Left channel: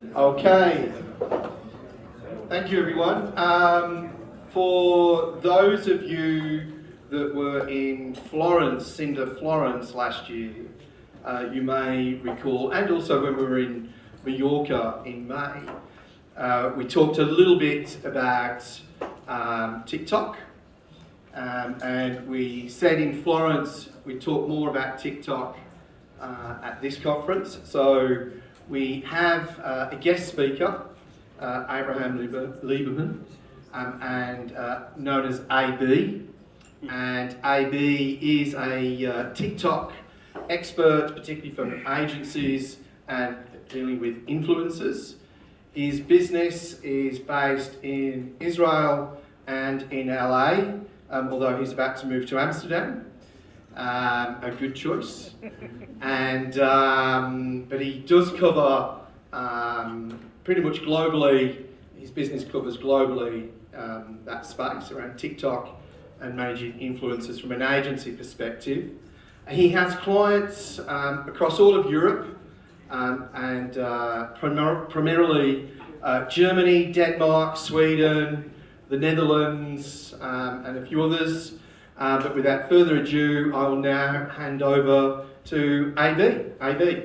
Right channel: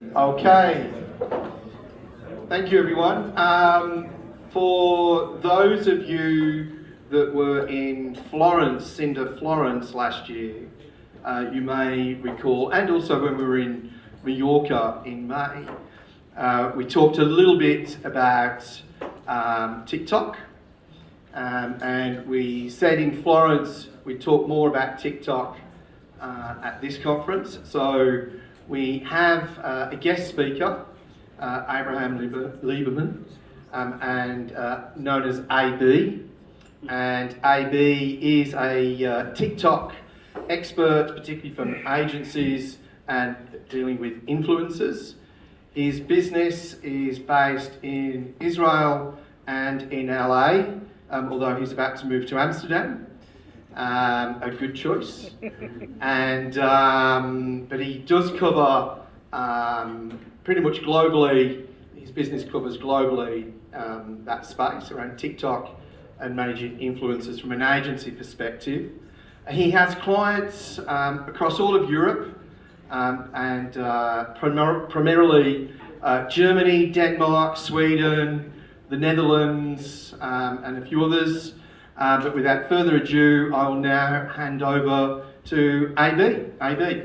Okay, thank you everyone. For those of you that were in Florence, Siinda, Florence last year, you may recall, and also when we were in Mallorca in May, we talked a little bit about TikTok, and we said in Florence we'd talk more about TikTok at this conference. So we have a guest speaker, Abraham Lieberman, and known as AB. And AB is a TikTok expert, particularly from agencies and dealing with influencers. His business is based in Israel and in LA, although he's about to move to Amsterdam. A good choice. And but he does cover pretty much globally. His business covers globally that space around TikTok and managing influencers from an agency perspective. And he has clients across all of Europe and primarily Germany, Denmark, Sweden, the Netherlands, and a few others. But without further ado, I will now hand over to AB. AB.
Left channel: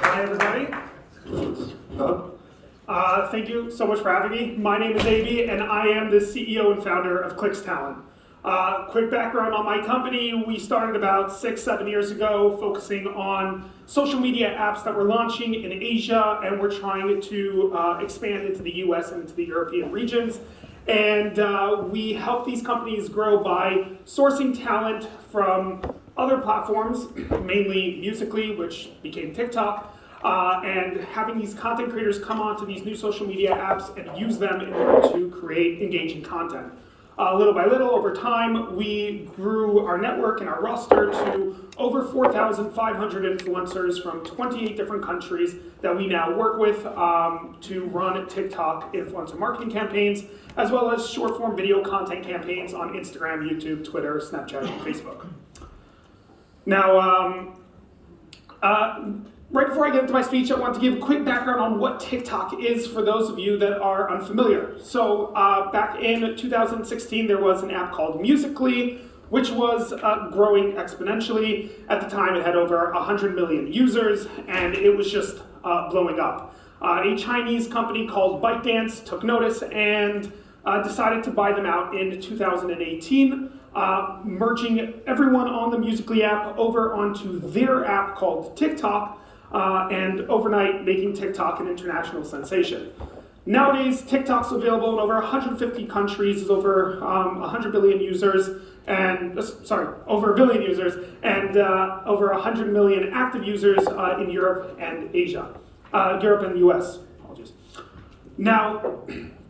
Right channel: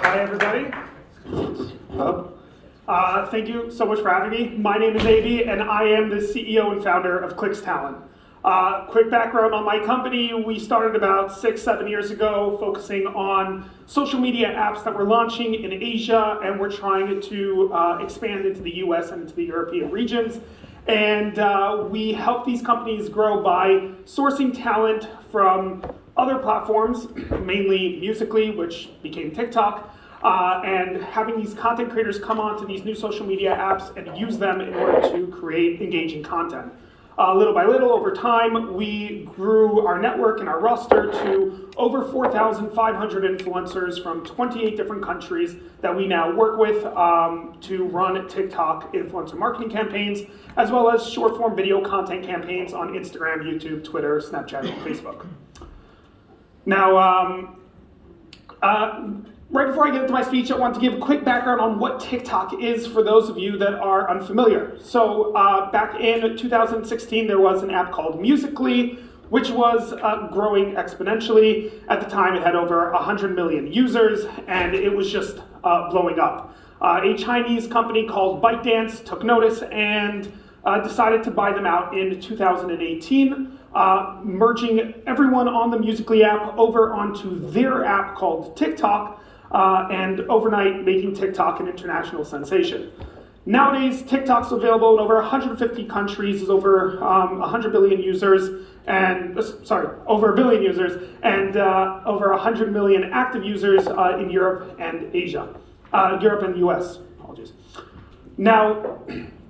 Hi, everybody. Thank you so much for having me. My name is AB, and I am the CEO and founder of Clicks Talent. Quick background on my company: we started about 6-7 years ago, focusing on social media apps that we're launching in Asia, and we're trying to expand into the US and into the European regions. And we help these companies grow by sourcing talent from other platforms, mainly Musical.ly, which became TikTok, and having these content creators come onto these new social media apps and use them in order to create engaging content. Little by little, over time, we grew our network and our roster to over 4,500 influencers from 28 different countries that we now work with to run TikTok influencer marketing campaigns, as well as short-form video content campaigns on Instagram, YouTube, Twitter, Snapchat, and Facebook. Now, right before I get into my speech, I want to give a quick background on what TikTok is for those of you that are unfamiliar. So back in 2016, there was an app called Musical.ly, which was growing exponentially. At the time, it had over 100 million users, and it was just blowing up. A Chinese company called ByteDance took notice and decided to buy them out in 2018, merging everyone on the Musical.ly app over onto their app called TikTok, and overnight making TikTok an international sensation. Nowadays, TikTok's available in over 150 countries, is over 100 billion users, and over 1 billion users, and over 100 million active users in Europe and Asia, Europe and the US. Apologies. Now,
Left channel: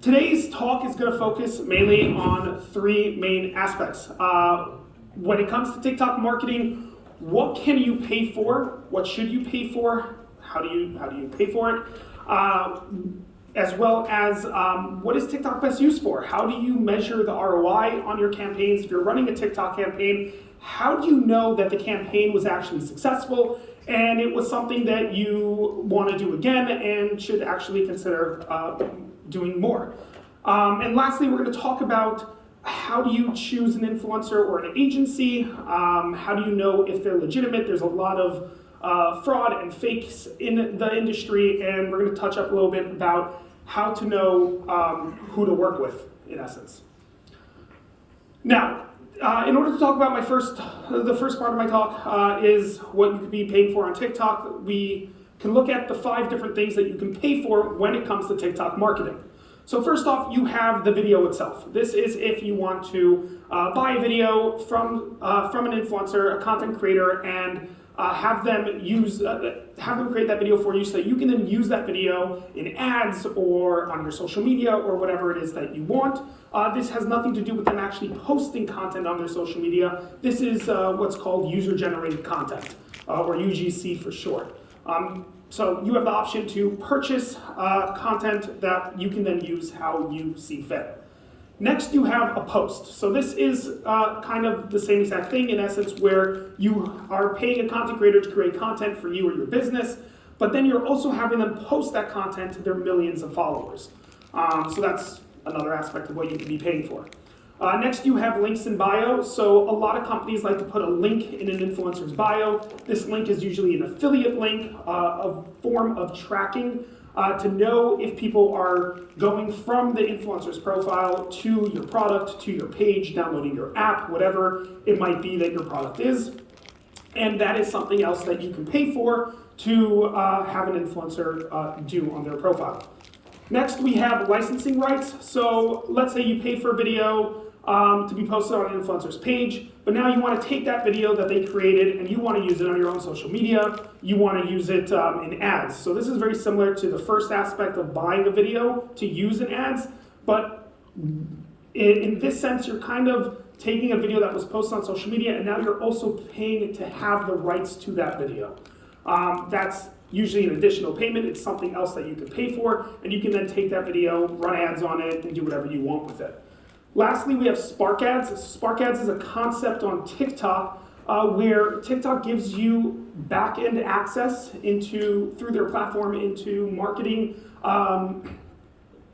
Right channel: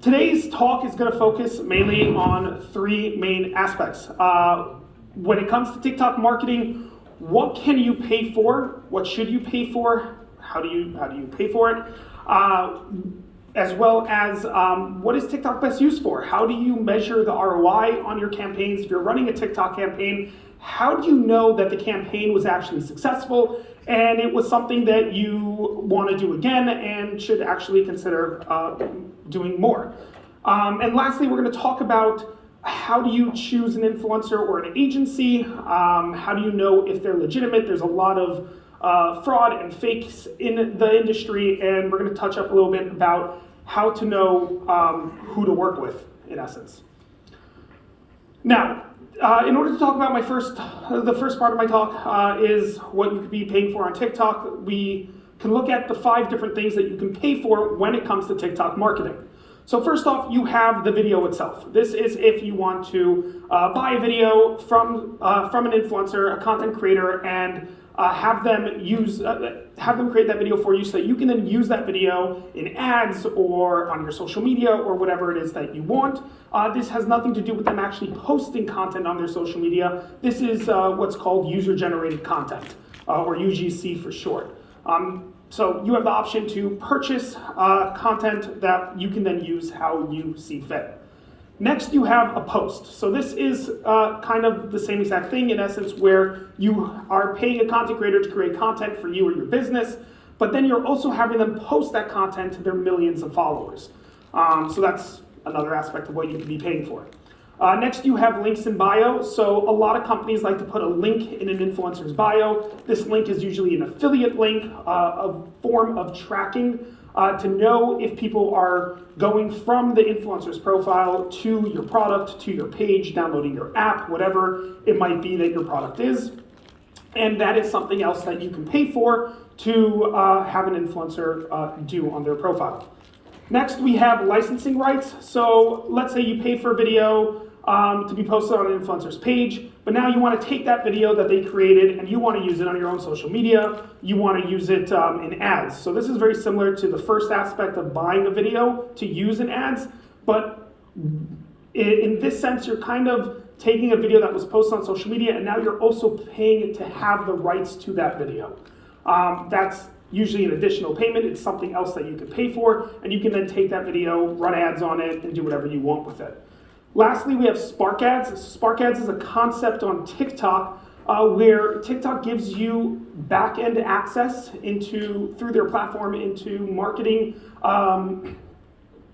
today's talk is going to focus mainly on 3 main aspects. When it comes to TikTok marketing, what can you pay for? What should you pay for? How do you pay for it? As well as what is TikTok best used for? How do you measure the ROI on your campaigns? If you're running a TikTok campaign, how do you know that the campaign was actually successful and it was something that you want to do again and should actually consider doing more? And lastly, we're going to talk about how do you choose an influencer or an agency? How do you know if they're legitimate? There's a lot of fraud and fakes in the industry, and we're going to touch up a little bit about how to know who to work with, in essence. Now, in order to talk about the first part of my talk is what you could be paying for on TikTok. We can look at the 5 different things that you can pay for when it comes to TikTok marketing. So first off, you have the video itself. This is if you want to buy a video from an influencer, a content creator, and have them create that video for you, so that you can then use that video in ads or on your social media or whatever it is that you want. This has nothing to do with them actually posting content on their social media. This is what's called user-generated content, or UGC for short. So you have the option to purchase content that you can then use how you see fit. Next, you have a post. So this is kind of the same exact thing in essence, where you are paying a content creator to create content for you or your business, but then you're also having them post that content to their millions of followers. So that's another aspect of what you can be paying for. Next, you have links in bio. So a lot of companies like to put a link in an influencer's bio. This link is usually an affiliate link, a form of tracking to know if people are going from the influencer's profile to your product, to your page, downloading your app, whatever it might be that your product is. And that is something else that you can pay for to have an influencer do on their profile. Next, we have licensing rights. So let's say you pay for a video to be posted on an influencer's page, but now you want to take that video that they created and you want to use it on your own social media. You want to use it in ads. So this is very similar to the first aspect of buying a video to use in ads, but in this sense, you're kind of taking a video that was posted on social media and now you're also paying to have the rights to that video. That's usually an additional payment. It's something else that you can pay for, and you can then take that video, run ads on it, and do whatever you want with it. Lastly, we have Spark Ads. Spark Ads is a concept on TikTok where TikTok gives you back-end access through their platform into marketing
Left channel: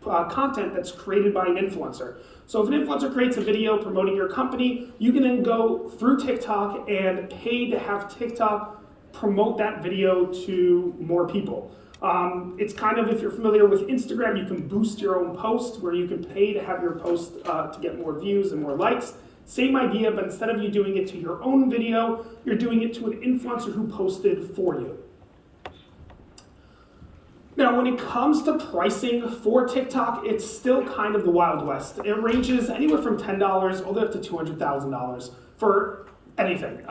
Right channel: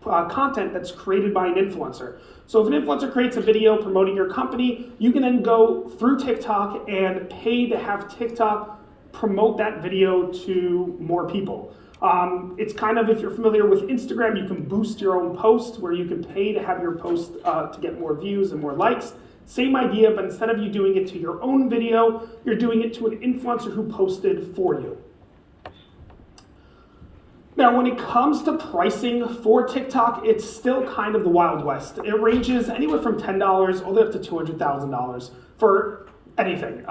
content that's created by an influencer. So if an influencer creates a video promoting your company, you can then go through TikTok and pay to have TikTok promote that video to more people. It's kind of, if you're familiar with Instagram, you can boost your own post where you can pay to have your post to get more views and more likes. Same idea, but instead of you doing it to your own video, you're doing it to an influencer who posted for you. Now, when it comes to pricing for TikTok, it's still kind of the Wild West. It ranges anywhere from $10 all the way up to $200,000 for anything.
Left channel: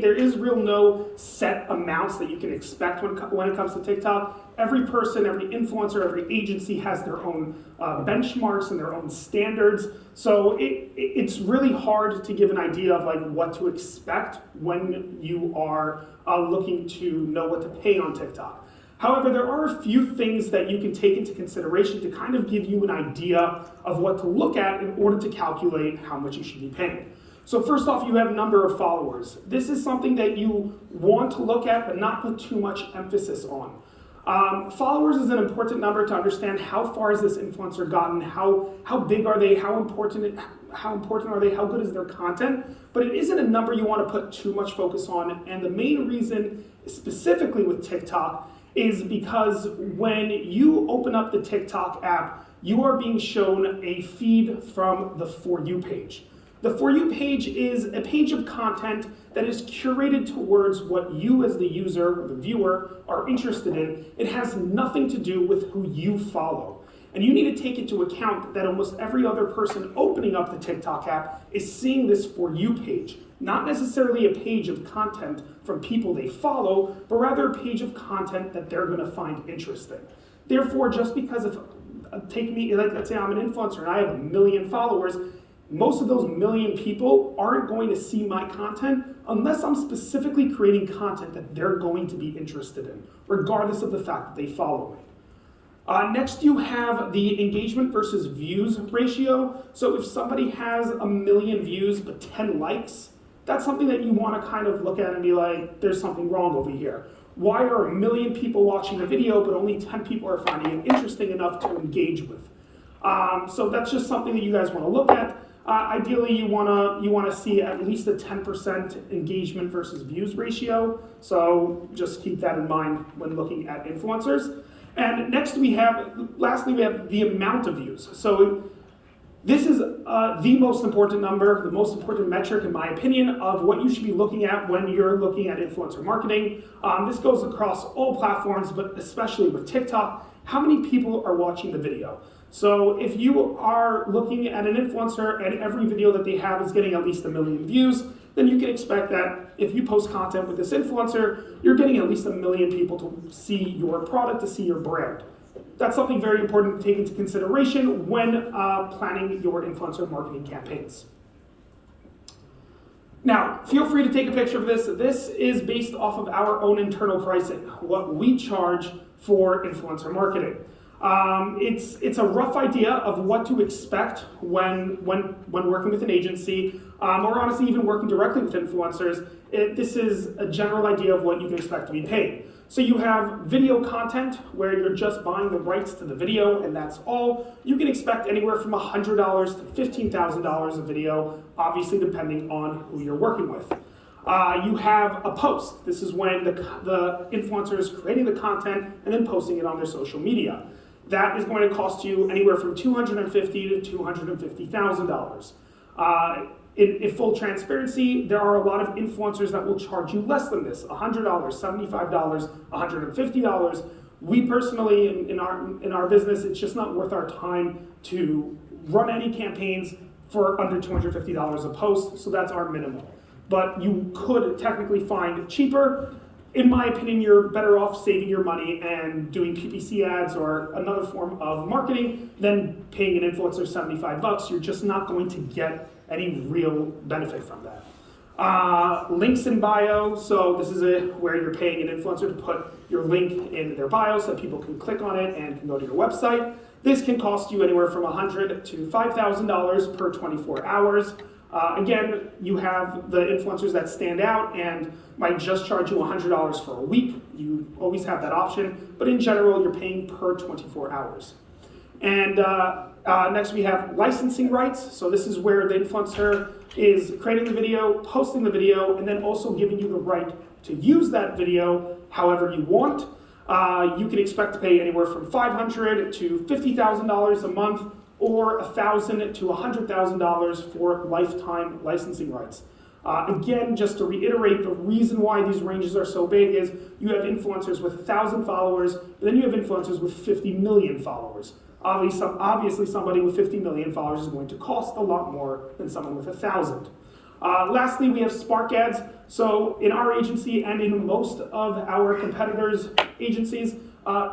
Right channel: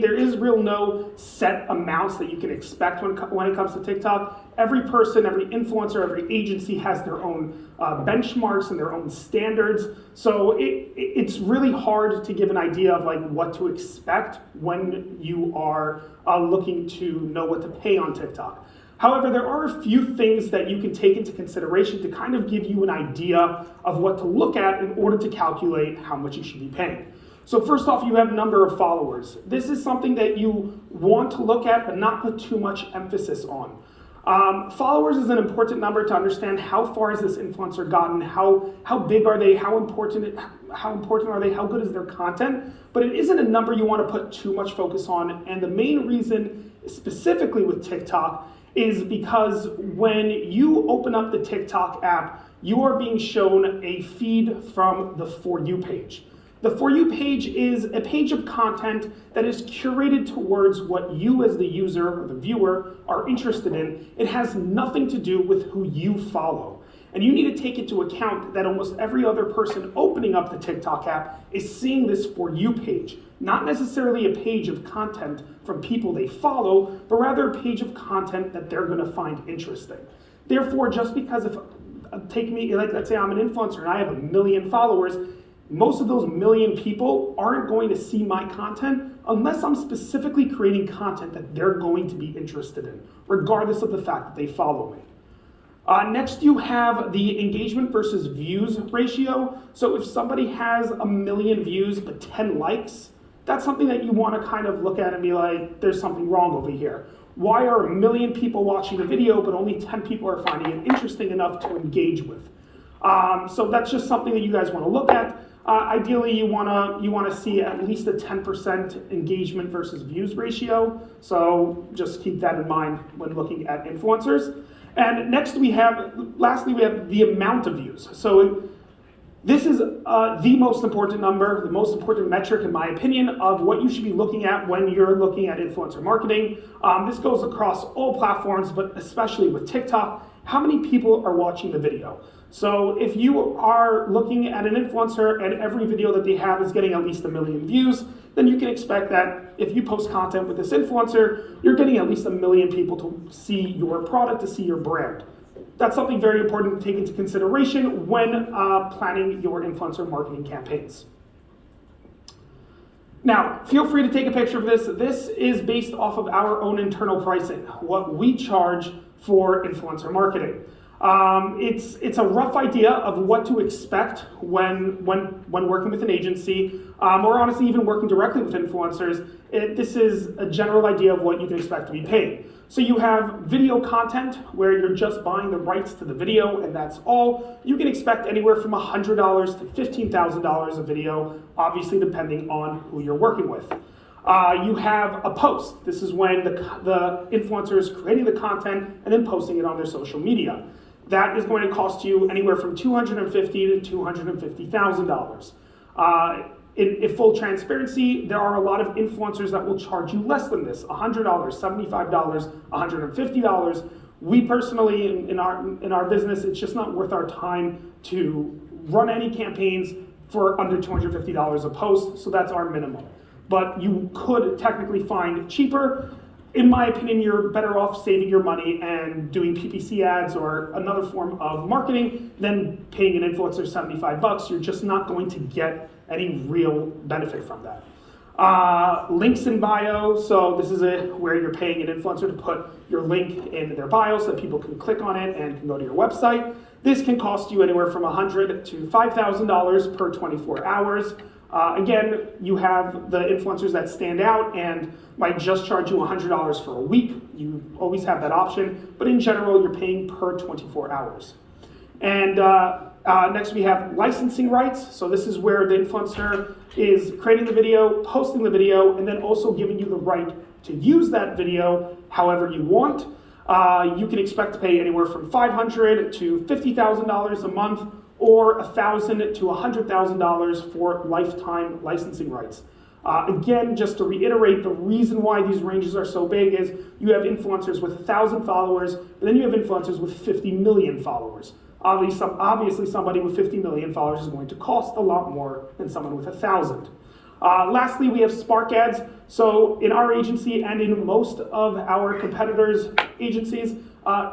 There is no set amounts that you can expect when it comes to TikTok. Every person, every influencer, every agency has their own benchmarks and their own standards. So it's really hard to give an idea of like what to expect when you are looking to know what to pay on TikTok. However, there are a few things that you can take into consideration to kind of give you an idea of what to look at in order to calculate how much you should be paying. So first off, you have number of followers. This is something that you want to look at, but not put too much emphasis on. Followers is an important number to understand how far has this influencer gotten, how big are they, how important are they, how good is their content, but it isn't a number you want to put too much focus on. And the main reason, specifically with TikTok, is because when you open up the TikTok app, you are being shown a feed from the For You page. The For You page is a page of content that is curated towards what you as the user or the viewer are interested in. It has nothing to do with who you follow. And you need to take into account that almost every other person opening up the TikTok app is seeing this For You page, not necessarily a page of content from people they follow, but rather a page of content that they're gonna find interesting. Therefore, just because take me, like let's say I'm an influencer and I have 1 million followers, most of those 1 million people aren't going to see my content unless I'm specifically creating content that they're going to be interested in, regardless of the fact that they follow me. Next, you have the engagement versus views ratio. So if somebody has 1 million views but 10 likes, that's something that you want to kind of look at and be like, there's something wrong over here. Why are 1 million people watching a video but only 10 people are finding it interesting enough to engage with? So that's just something that you guys want to look at. Ideally, you want to see at least a 10% engagement versus views ratio. So just keep that in mind when looking at influencers. And lastly, we have the amount of views. So this is the most important number, the most important metric, in my opinion, of what you should be looking at when you're looking at influencer marketing. This goes across all platforms, but especially with TikTok. How many people are watching the video? So if you are looking at an influencer and every video that they have is getting at least 1 million views, then you can expect that if you post content with this influencer, you're getting at least 1 million people to see your product, to see your brand. That's something very important to take into consideration when planning your influencer marketing campaigns. Now, feel free to take a picture of this. This is based off of our own internal pricing, what we charge for influencer marketing. It's a rough idea of what to expect when working with an agency, or honestly even working directly with influencers. This is a general idea of what you can expect to be paid. So you have video content where you're just buying the rights to the video and that's all. You can expect anywhere from $100 to $15,000 a video, obviously depending on who you're working with. You have a post. This is when the influencer is creating the content and then posting it on their social media. That is going to cost you anywhere from $250,000 to $250,000. In full transparency, there are a lot of influencers that will charge you less than this, $100, $75, $150. We personally, in our business, it's just not worth our time to run any campaigns for under $250 a post, so that's our minimum. But you could technically find cheaper. In my opinion, you're better off saving your money and doing PPC ads or another form of marketing than paying an influencer $75. You're just not going to get any real benefit from that. Links in bio, so this is where you're paying an influencer to put your link in their bio so that people can click on it and can go to your website. This can cost you anywhere from $100 to $5,000 per 24 hours. Again, you have the influencers that stand out and might just charge you $100 for a week. You always have that option, but in general, you're paying per 24 hours. And next we have licensing rights. So this is where the influencer is creating the video, posting the video, and then also giving you the right to use that video however you want. You can expect to pay anywhere from $500 to $50,000 a month, or $1,000 to $100,000 for lifetime licensing rights. Again, just to reiterate, the reason why these ranges are so big is you have influencers with 1,000 followers, but then you have influencers with 50 million followers. Obviously, somebody with 50 million followers is going to cost a lot more than someone with 1,000. Lastly, we have Spark ads. So in our agency and in most of our competitors' agencies,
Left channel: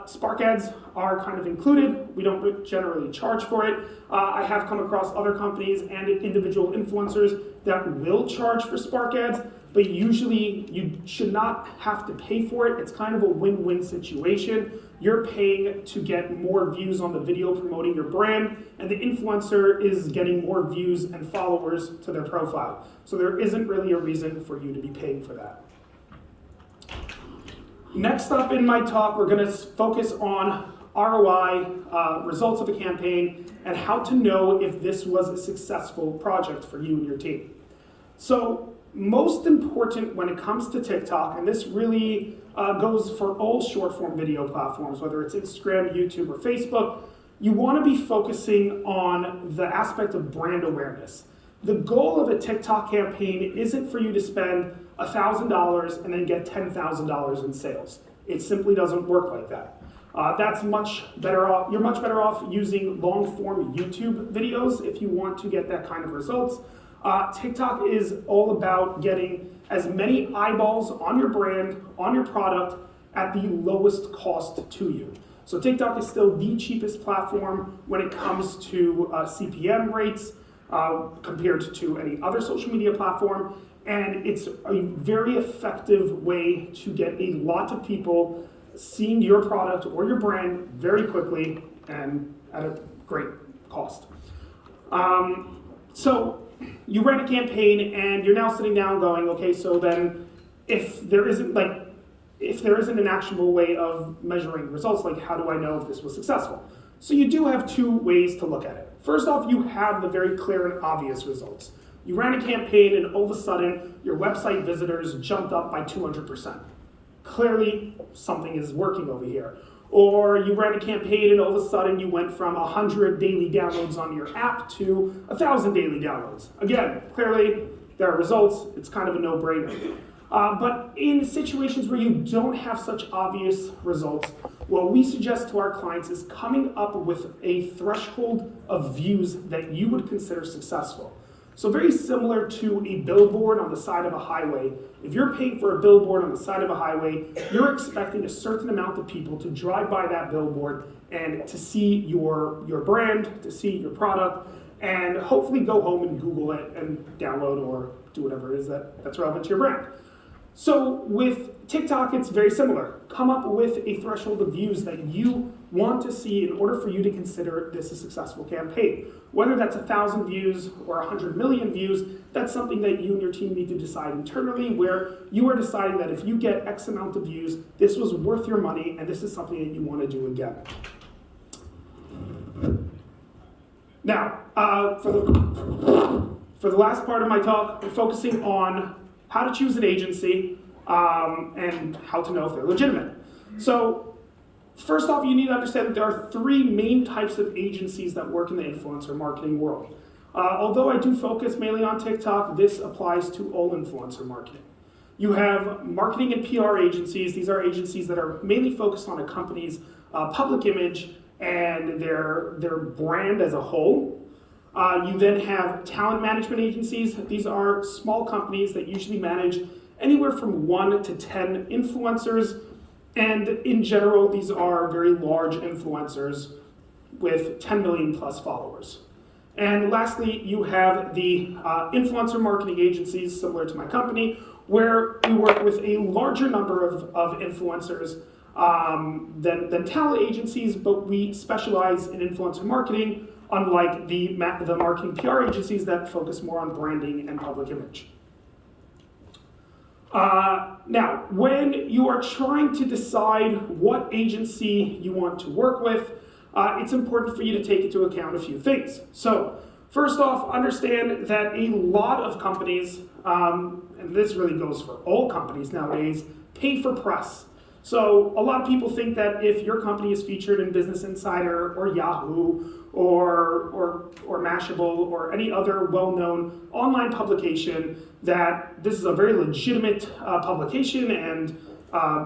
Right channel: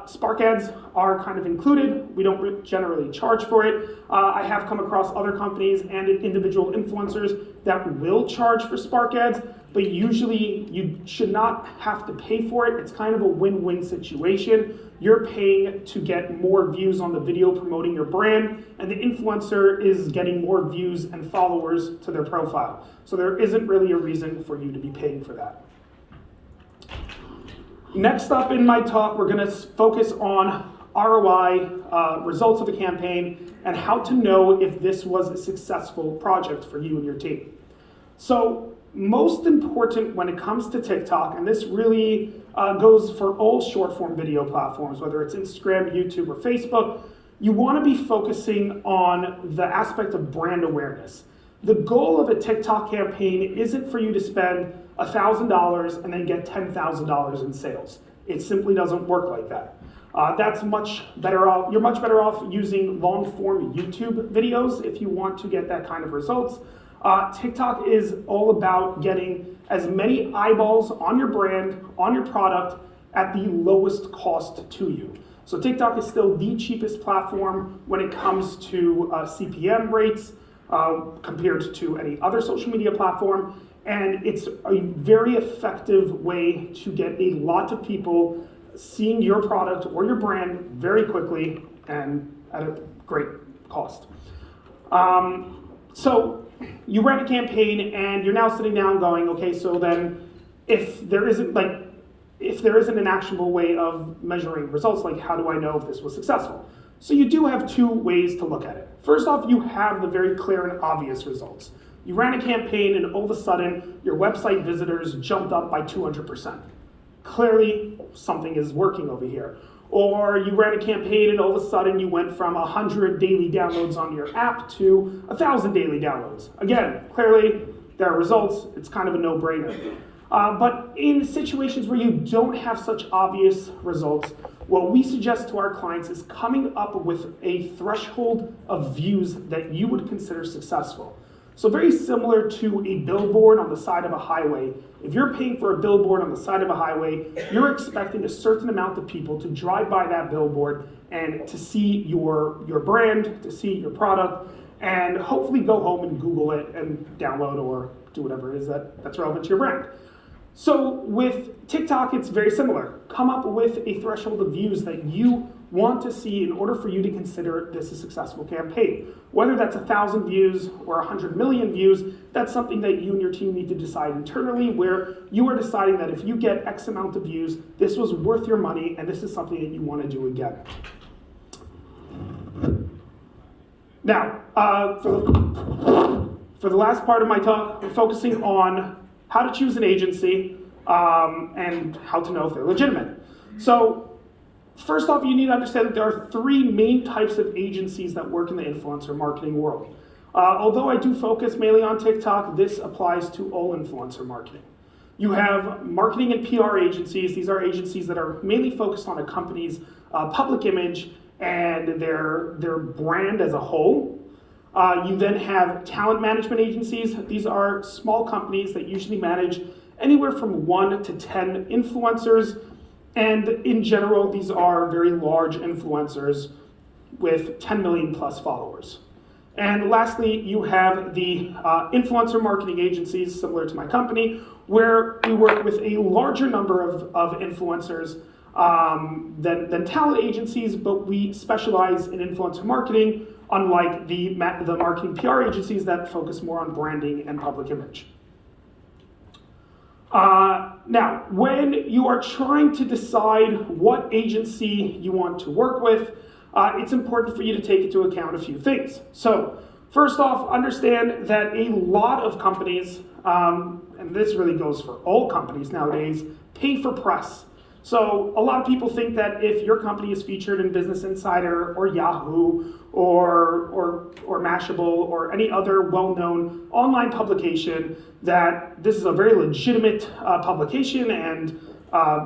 Spark ads are kind of included. We don't generally charge for it. I have come across other companies and individual influencers that will charge for Spark ads, but usually you should not have to pay for it. It's kind of a win-win situation. You're paying to get more views on the video promoting your brand, and the influencer is getting more views and followers to their profile. So there isn't really a reason for you to be paying for that. Next up in my talk, we're going to focus on ROI, results of the campaign, and how to know if this was a successful project for you and your team. So most important when it comes to TikTok, and this really goes for all short-form video platforms, whether it's Instagram, YouTube, or Facebook, you want to be focusing on the aspect of brand awareness. The goal of a TikTok campaign isn't for you to spend $1,000 and then get $10,000 in sales. It simply doesn't work like that. That's much better off. You're much better off using long-form YouTube videos if you want to get that kind of results. TikTok is all about getting as many eyeballs on your brand, on your product, at the lowest cost to you. So TikTok is still the cheapest platform when it comes to CPM rates compared to any other social media platform. And it's a very effective way to get a lot of people seeing your product or your brand very quickly and at a great cost. So you ran a campaign and you're now sitting down going, okay, so then if there isn't an actionable way of measuring results, like how do I know if this was successful? So you do have two ways to look at it. First off, you have the very clear and obvious results. You ran a campaign and all of a sudden your website visitors jumped up by 200%. Clearly something is working over here. Or you ran a campaign and all of a sudden you went from 100 daily downloads on your app to 1,000 daily downloads. Again, clearly there are results. It's kind of a no-brainer. But in situations where you don't have such obvious results, what we suggest to our clients is coming up with a threshold of views that you would consider successful. So very similar to a billboard on the side of a highway. If you're paying for a billboard on the side of a highway, you're expecting a certain amount of people to drive by that billboard and to see your brand, to see your product, and hopefully go home and Google it and download or do whatever it is that's relevant to your brand. So with TikTok, it's very similar. Come up with a threshold of views that you want to see in order for you to consider this a successful campaign. Whether that's 1,000 views or 100 million views, that's something that you and your team need to decide internally, where you are deciding that if you get X amount of views, this was worth your money and this is something that you want to do again. Now, for the last part of my talk, we're focusing on how to choose an agency and how to know if they're legitimate. So first off, you need to understand that there are three main types of agencies that work in the influencer marketing world. Although I do focus mainly on TikTok, this applies to all influencer marketing. You have marketing and PR agencies. These are agencies that are mainly focused on a company's public image and their brand as a whole. You then have talent management agencies. These are small companies that usually manage anywhere from 1 to 10 influencers. And in general, these are very large influencers with 10 million plus followers. And lastly, you have the influencer marketing agencies, similar to my company, where we work with a larger number of influencers than talent agencies, but we specialize in influencer marketing, unlike the marketing PR agencies that focus more on branding and public image. Now, when you are trying to decide what agency you want to work with, it's important for you to take into account a few things. So, first off, understand that a lot of companies, and this really goes for all companies nowadays, pay for press. So a lot of people think that if your company is featured in Business Insider or Yahoo or Mashable or any other well-known online publication, that this is a very legitimate publication and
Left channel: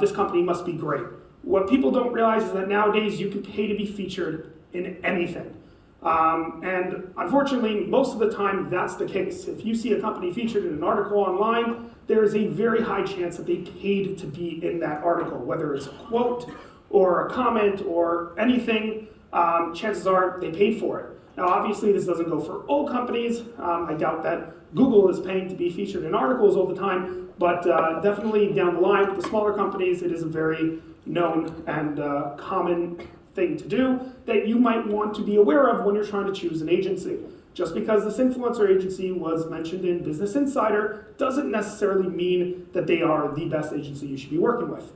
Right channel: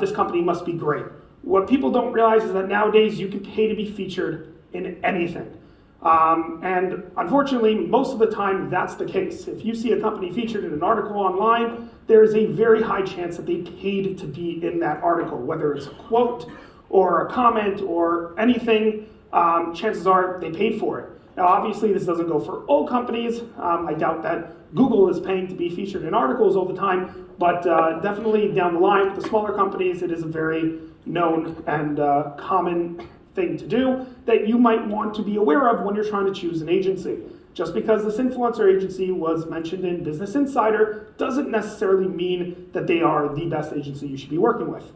this company must be great. What people don't realize is that nowadays you can pay to be featured in anything. And unfortunately, most of the time that's the case. If you see a company featured in an article online, there is a very high chance that they paid to be in that article, whether it's a quote or a comment or anything, chances are they paid for it. Now, obviously, this doesn't go for all companies. I doubt that Google is paying to be featured in articles all the time, but definitely down the line with the smaller companies, it is a very known and common thing to do that you might want to be aware of when you're trying to choose an agency. Just because this influencer agency was mentioned in Business Insider doesn't necessarily mean that they are the best agency you should be working with.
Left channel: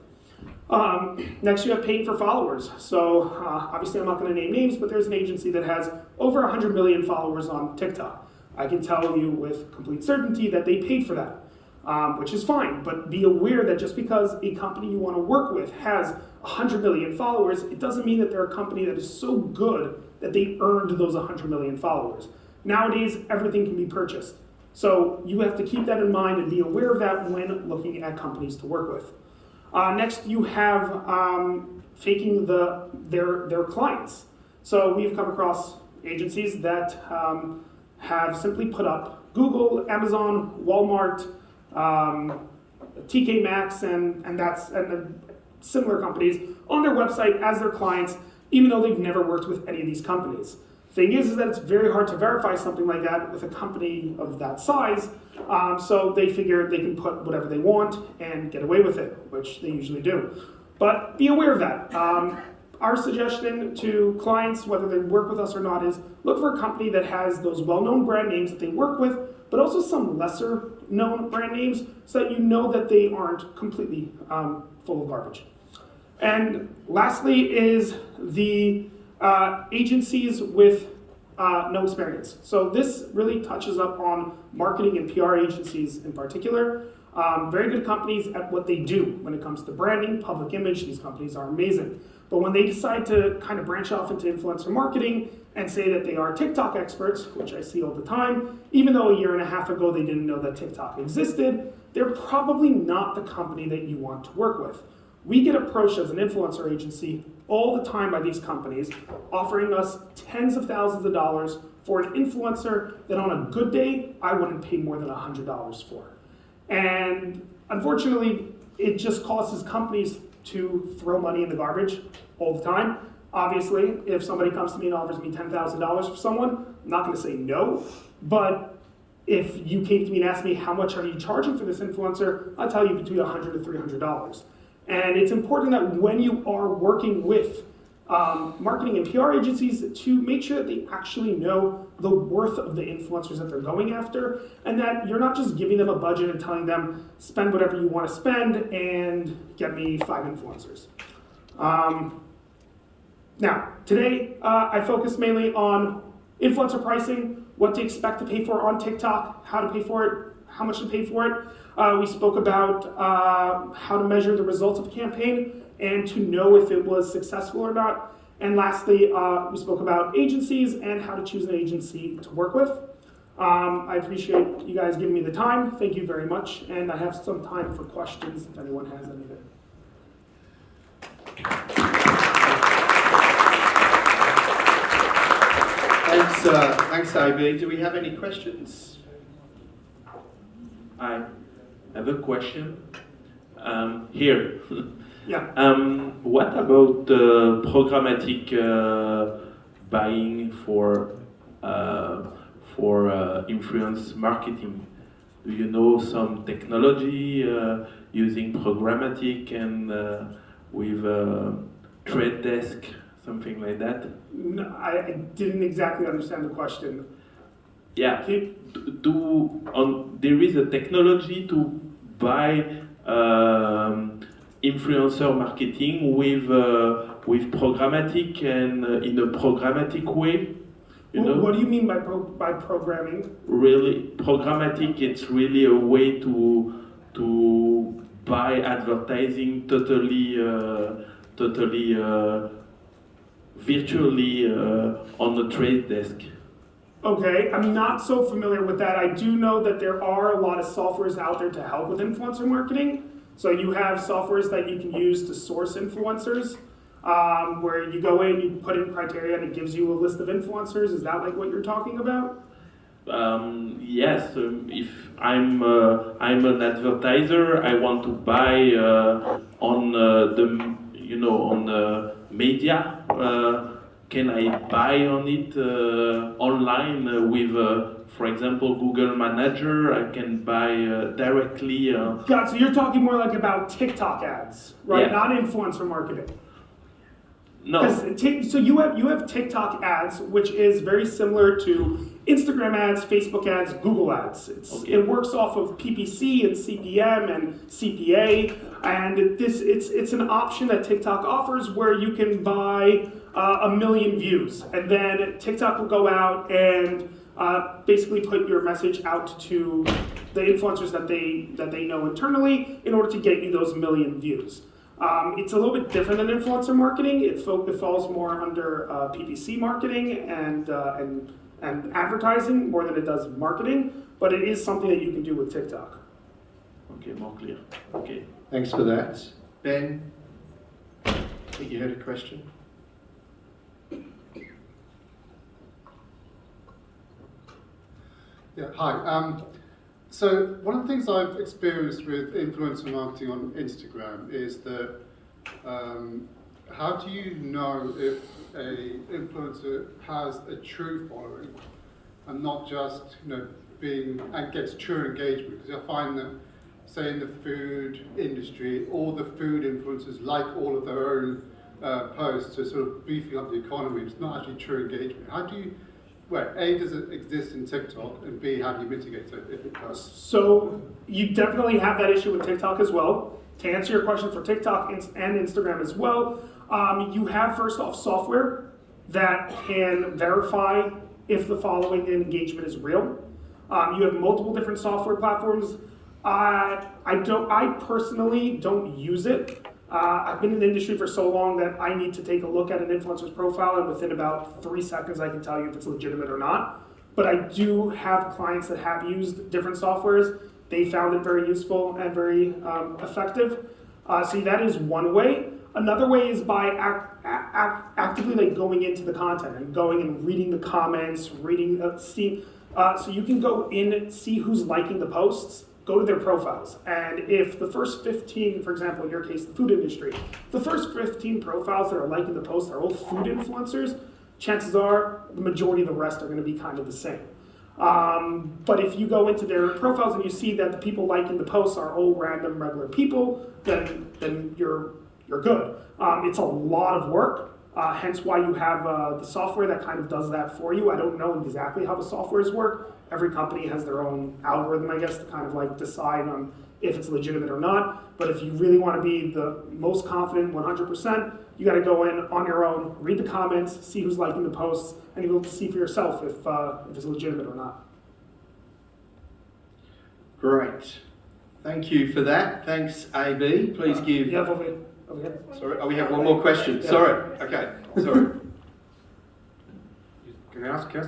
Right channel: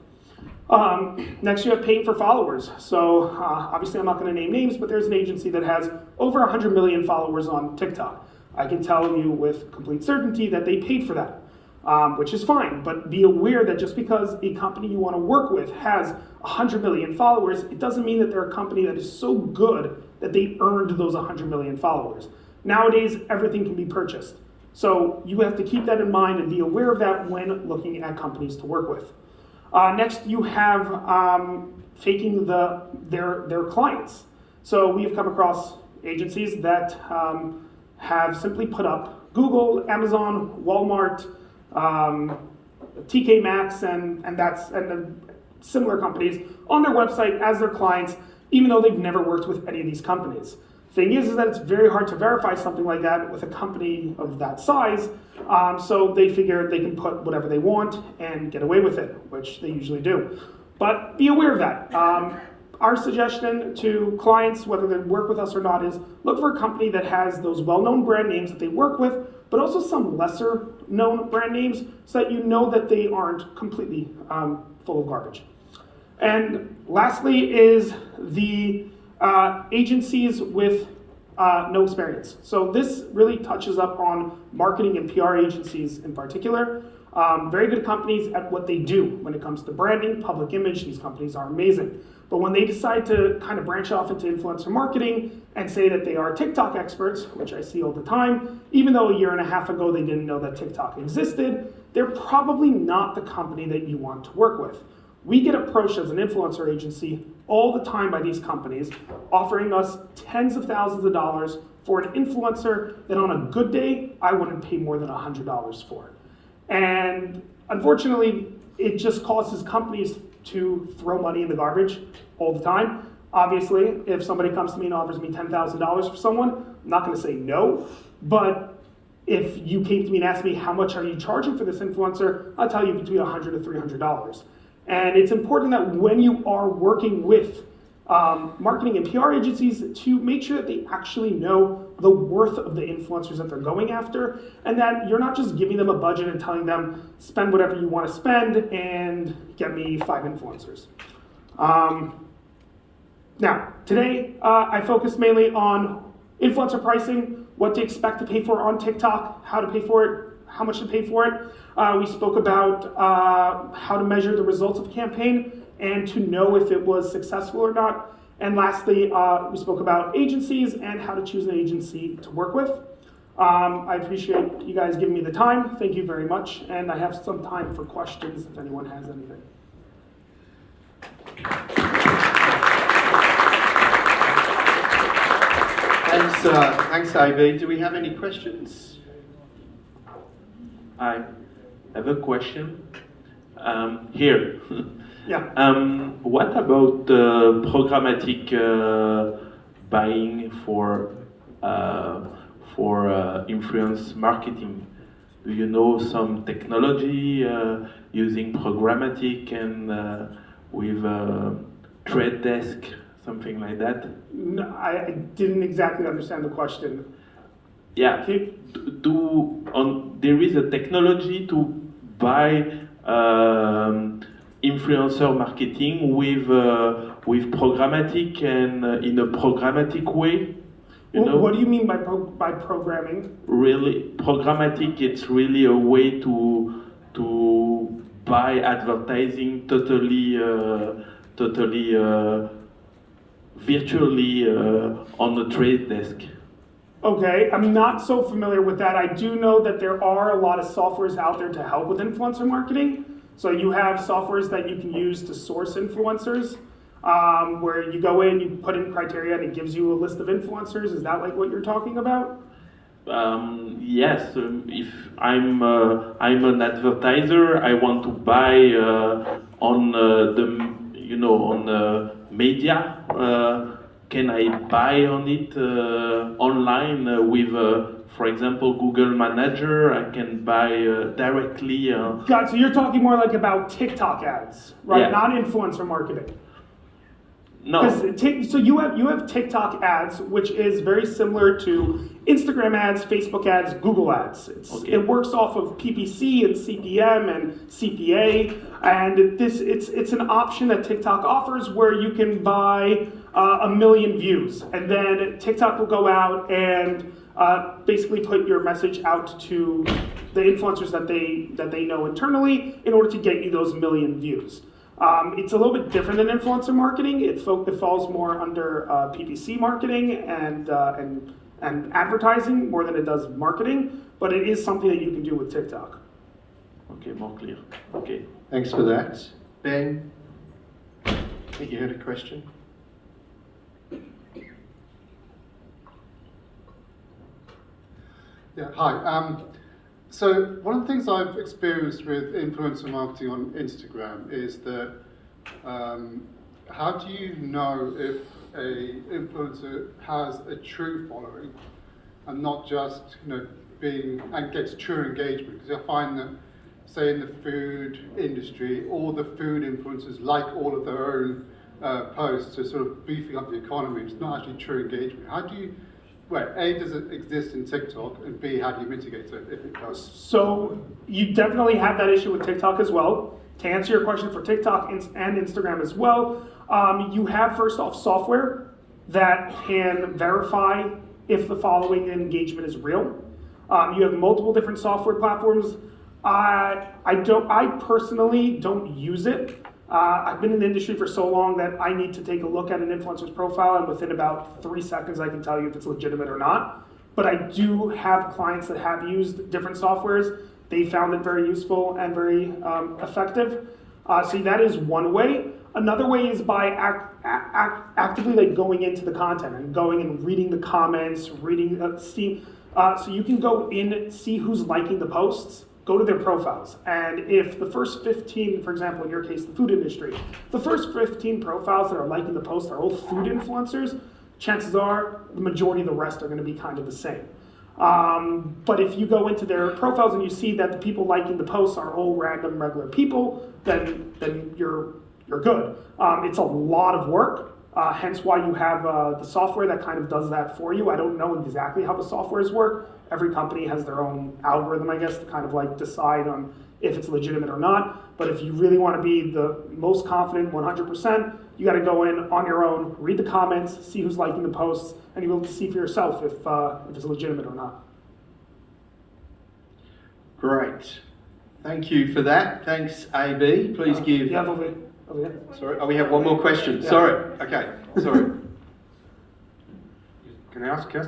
Next, you have paying for followers. So obviously I'm not going to name names, but there's an agency that has over 100 million followers on TikTok. I can tell you with complete certainty that they paid for that, which is fine, but be aware that just because a company you want to work with has 100 million followers, it doesn't mean that they're a company that is so good that they earned those 100 million followers. Nowadays, everything can be purchased. So you have to keep that in mind and be aware of that when looking at companies to work with. Next, you have faking their clients. So we have come across agencies that have simply put up Google, Amazon, Walmart, TK Maxx, and similar companies on their website as their clients, even though they've never worked with any of these companies. Thing is that it's very hard to verify something like that with a company of that size, so they figure they can put whatever they want and get away with it, which they usually do. But be aware of that. Our suggestion to clients, whether they work with us or not, is look for a company that has those well-known brand names that they work with, but also some lesser known brand names so that you know that they aren't completely full of garbage. And lastly is the agencies with no experience. So this really touches up on marketing and PR agencies in particular. Very good companies at what they do when it comes to branding, public image. These companies are amazing. But when they decide to kind of branch off into influencer marketing and say that they are TikTok experts, which I see all the time, even though a year and a half ago they didn't know that TikTok existed, they're probably not the company that you want to work with. We get approached as an influencer agency all the time by these companies, offering us tens of thousands of dollars for an influencer that on a good day, I wouldn't pay more than $100 for. And unfortunately, it just causes companies to throw money in the garbage all the time. Obviously, if somebody comes to me and offers me $10,000 for someone, I'm not gonna say no, but if you came to me and asked me how much are you charging for this influencer, I'll tell you between $100 to $300. And it's important that when you are working with marketing and PR agencies to make sure that they actually know the worth of the influencers that they're going after, and that you're not just giving them a budget and telling them, spend whatever you want to spend and get me 5 influencers. Now, today I focus mainly on influencer pricing, what to expect to pay for on TikTok, how to pay for it, how much to pay for it. We spoke about how to measure the results of a campaign and to know if it was successful or not. And lastly, we spoke about agencies and how to choose an agency to work with. I appreciate you guys giving me the time. Thank you very much. And I have some time for questions if anyone has anything. Thanks, AB. Do we have any questions? I have a question. Here. Yeah. What about programmatic buying for influence marketing? Do you know some technology using programmatic and with trade desk, something like that? No, I didn't exactly understand the question. Yeah. There is a technology to buy influencer marketing with programmatic and in a programmatic way. What do you mean by programming? Really, programmatic. It's really a way to buy advertising totally virtually on the trade desk. Okay, I'm not so familiar with that. I do know that there are a lot of softwares out there to help with influencer marketing. So you have softwares that you can use to source influencers, where you go in, you put in criteria, and it gives you a list of influencers. Is that like what you're talking about? Yes. If I'm an advertiser, I want to buy on the media. Can I buy on it online with, for example, Google Manager? I can buy directly. God, so you're talking more like about TikTok ads, right? Yeah. Not influencer marketing. No. So you have TikTok ads, which is very similar to Instagram ads, Facebook ads, Google ads. Okay. It works off of PPC and CPM and CPA, and it's an option that TikTok offers where you can buy 1 million views, and then TikTok will go out and basically put your message out to the influencers that they know internally in order to get you those 1 million views. It's a little bit different than influencer marketing. It falls more under PPC marketing and advertising more than it does marketing, but it is something that you can do with TikTok. Okay, more clear. Okay. Thanks for that. Ben, I think you had a question. Yeah, hi. So one of the things I've experienced with influencer marketing on Instagram is that how do you know if a influencer has a true following and not just gets true engagement? Because I find that, say, in the food industry, all the food influencers like all of their own posts are sort of beefing up the economy. It's not actually true engagement. How do you? Well, A, does it exist in TikTok, and B, how do you mitigate it if it does? So you definitely have that issue with TikTok as well. To answer your question for TikTok and Instagram as well, you have first off software that can verify if the following engagement is real. You have multiple different software platforms. I personally don't use it. I've been in the industry for so long that I need to take a look at an influencer's profile, and within about 3 seconds I can tell you if it's legitimate or not. But I do have clients that have used different softwares. They found it very useful and very effective. So that is one way. Another way is by actively going into the content and going and reading the comments, so you can go in and see who's liking the posts. Go to their profiles, and if the first 15, for example, in your case, the food industry, the first 15 profiles that are liking the post are all food influencers, chances are the majority of the rest are going to be kind of the same. But if you go into their profiles and you see that the people liking the posts are all random regular people, then you're good. It's a lot of work. Hence why you have the software that kind of does that for you. I don't know exactly how the softwares work. Every company has their own algorithm, I guess, to kind of like decide on if it's legitimate or not. But if you really want to be the most confident 100%, you got to go in on your own, read the comments, see who's liking the posts, and you'll be able to see for yourself if it's legitimate or not. Great. Thank you for that. Thanks, AB. Please give... You have over here. Sorry, oh, we have one more question. Yeah. Sorry. Okay, sorry. Can I ask, yes?